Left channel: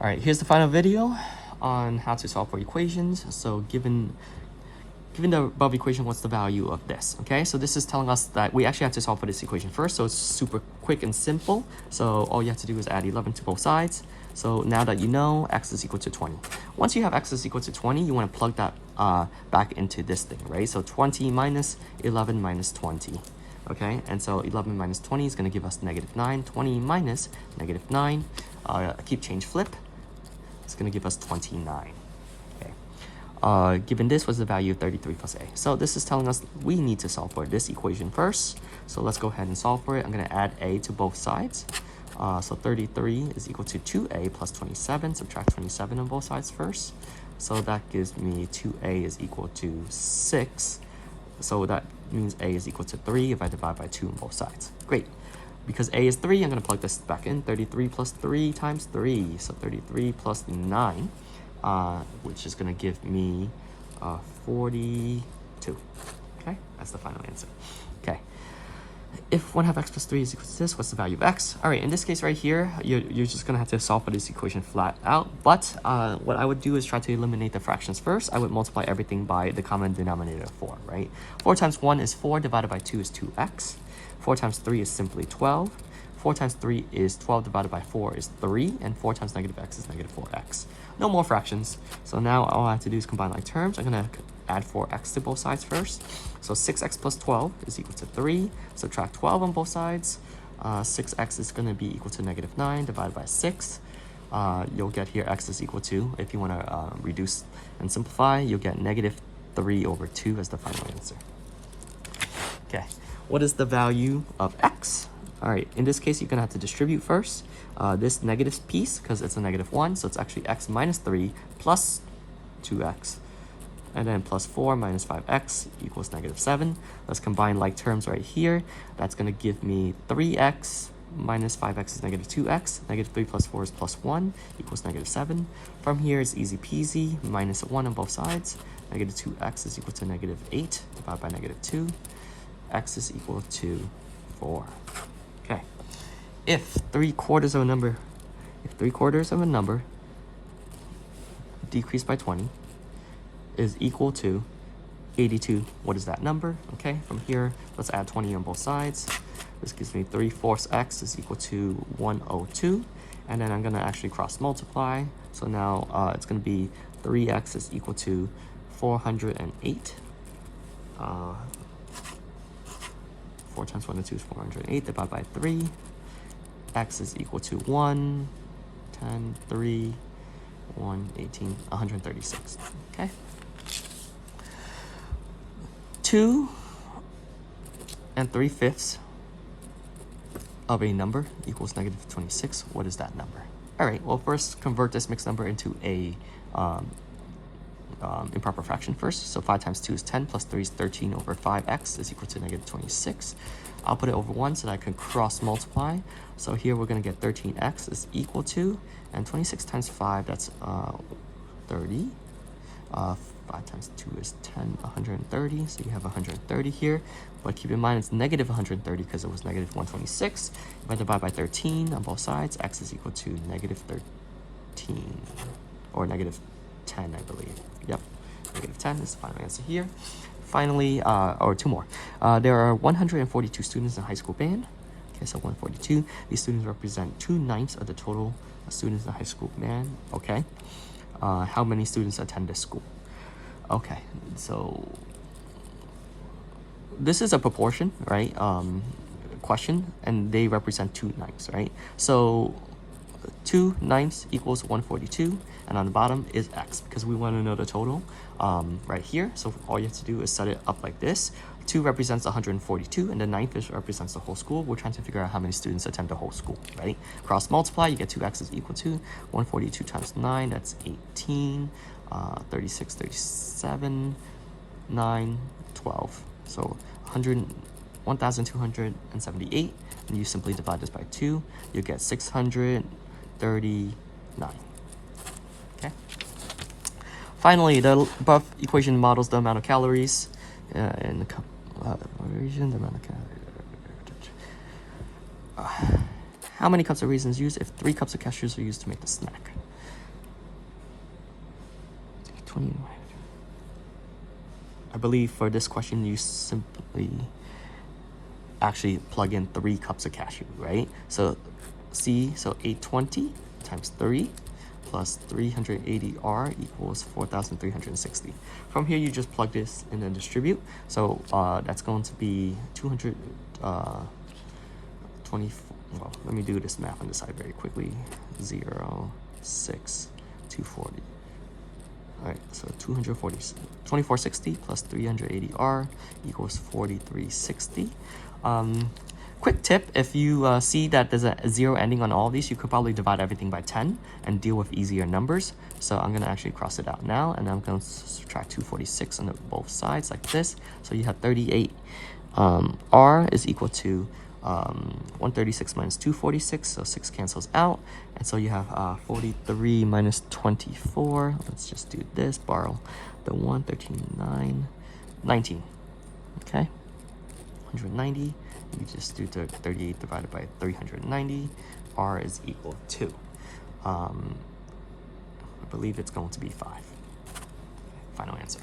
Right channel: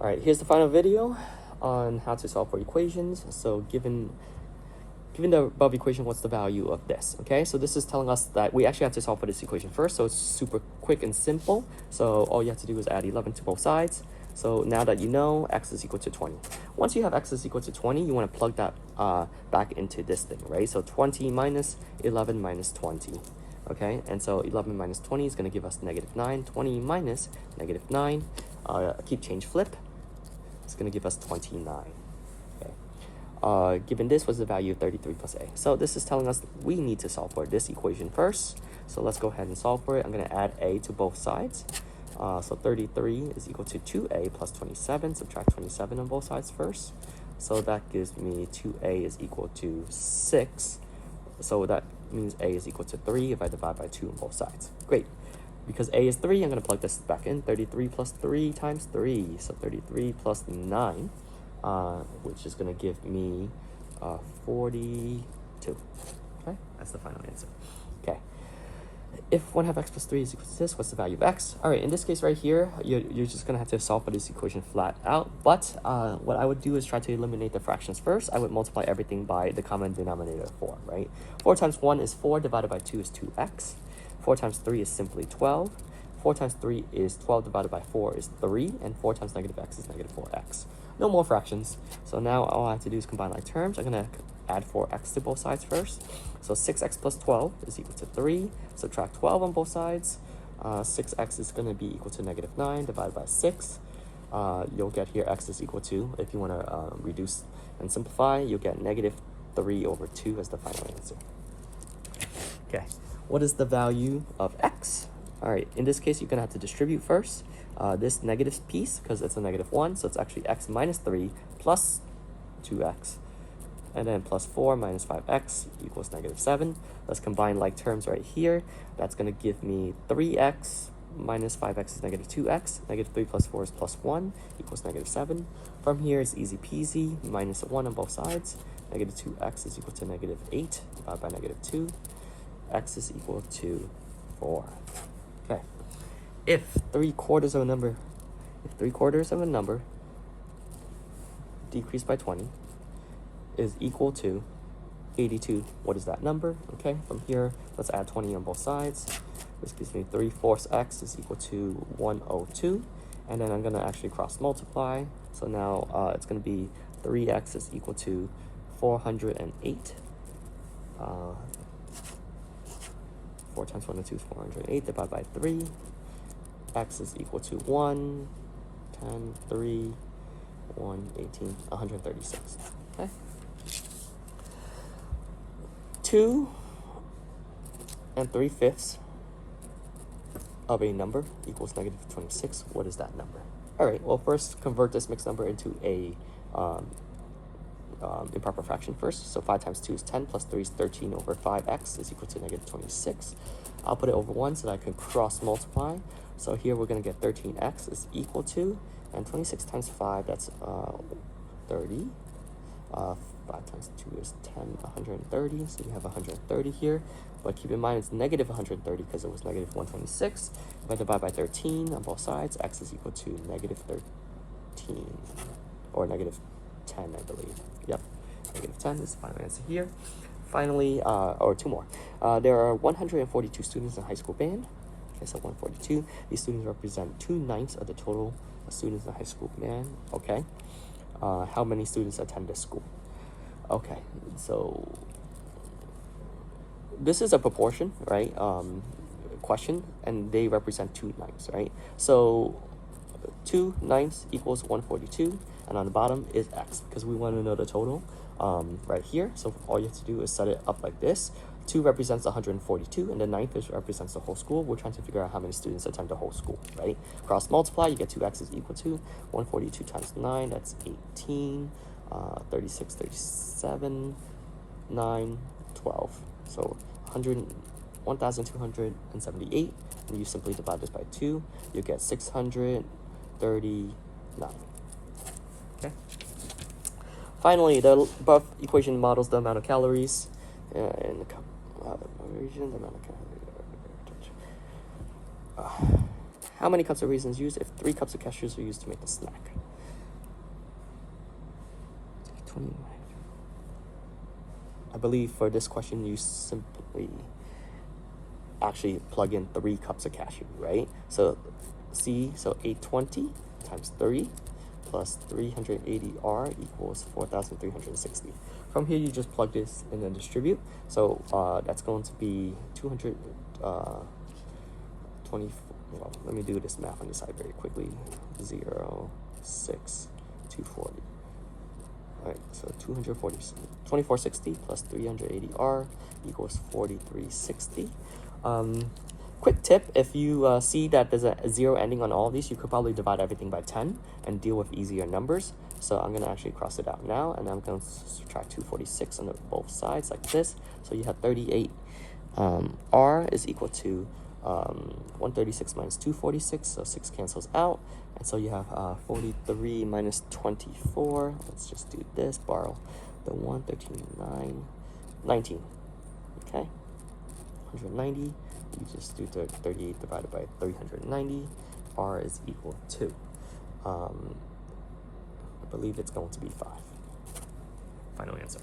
All right, here's the final video on how to solve for equations. So given the above equation, what's the value of this? Okay, so this is telling us that we actually have to solve for this equation first. So it's super quick and simple. So all you have to do is add 11 to both sides. So now that you know x is equal to 20. Once you have x is equal to 20, you want to plug that back into this thing, right? So 20 minus 11 minus 20. Okay, and so 11 minus 20 is going to give us -9. 20 minus -9, keep change flip, it's going to give us 29. Okay. Given this was the value of 33 plus a. So this is telling us we need to solve for this equation first. So let's go ahead and solve for it. I'm going to add a to both sides. So 33 is equal to 2a plus 27. Subtract 27 on both sides first. So that gives me 2a is equal to 6. So that means a is equal to 3 if I divide by 2 on both sides. Great. Because a is 3, I'm going to plug this back in. 33 plus 3 times 3. So 33 plus 9, which is going to give me 42. Okay, that's the final answer. Okay. If 1/2 x plus 3 is equal to this, what's the value of x? All right, in this case right here, you're just going to have to solve for this equation flat out. But what I would do is try to eliminate the fractions first. I would multiply everything by the common denominator of 4, right? 4 times 1 is 4, divided by 2 is 2x. 4 times 3 is simply 12. 4 times 3 is 12 divided by 4 is 3. And 4 times -x is -4x. No more fractions. So now all I have to do is combine like terms. I'm going to add 4x to both sides first. So 6x plus 12 is equal to 3. Subtract 12 on both sides. 6x is going to be equal to -9 divided by 6. You'll get here x is equal to, if you want to reduce and simplify, you'll get -3 over 2 as the final answer. Okay, what is the value of x? All right, in this case, you're going to have to distribute first. This negative piece, because it's a -1, so it's actually x minus 3 plus 2x. And then plus 4 minus 5x equals -7. Let's combine like terms right here. That's going to give me 3x minus 5x is -2x. -3 plus 4 is +1 equals -7. From here, it's easy peasy. -1 on both sides. -2x is equal to -8 divided by -2. X is equal to 4. Okay. If 3/4 of a number decreased by 20 is equal to 82, what is that number? Okay, from here, let's add 20 on both sides. This gives me 3/4 x is equal to 102. And then I'm going to actually cross multiply. So now it's going to be 3x is equal to 408. 4 times 1 and 2 is 408 divided by 3. X is equal to 1, 10, 3, 1, 18, 136. Okay. 2 3/5 of a number equals -26. What is that number? All right, well, first convert this mixed number into a improper fraction first. So 5 times 2 is 10, plus 3 is 13 over 5x is equal to -26. I'll put it over 1 so that I can cross multiply. So here we're going to get 13x is equal to, and 26 times 5, that's 30. 5 times 2 is 10, 130. So you have 130 here. But keep in mind it's -130 because it was -126. If I divide by 13 on both sides, x is equal to -13 or -10, I believe. Yep, -10 is the final answer here. Finally, or two more. There are 142 students in high school band. Okay, so 142. These students represent 2/9 of the total students in high school band. Okay. How many students attend this school? Okay, so this is a proportion, right? Question, and they represent 2/9, right? So 2/9 equals 142, and on the bottom is x because we want to know the total right here. So all you have to do is set it up like this. 2 represents 142, and the 9th represents the whole school. We're trying to figure out how many students attend the whole school, right? Cross multiply, you get 2x is equal to 142 times 9, that's 18, 36, 37, 9, 12. So 1,278, and you simply divide this by 2, you get 639. Okay. Finally, the above equation models the amount of calories and the how many cups of raisins used if 3 cups of cashews are used to make the snack? 20. I believe for this question, you simply actually plug in 3 cups of cashew, right? So so 820 times 3 plus 380R equals 4,360. From here, you just plug this in and distribute. So that's going to be 220. Well, let me do this math on the side very quickly. 0, 6, 240. All right, so 2460 plus 380R equals 4360. Quick tip, if you see that there's a 0 ending on all of these, you could probably divide everything by 10 and deal with easier numbers. So I'm going to actually cross it out now, and I'm going to subtract 246 on both sides like this. So you have 38. R is equal to 136 minus 246, so 6 cancels out. And so you have 43 minus 24. Let's just do this, borrow the 139, 19. Okay, 190. You just do 38 divided by 390. R is equal to, I believe it's going to be 5. Final answer.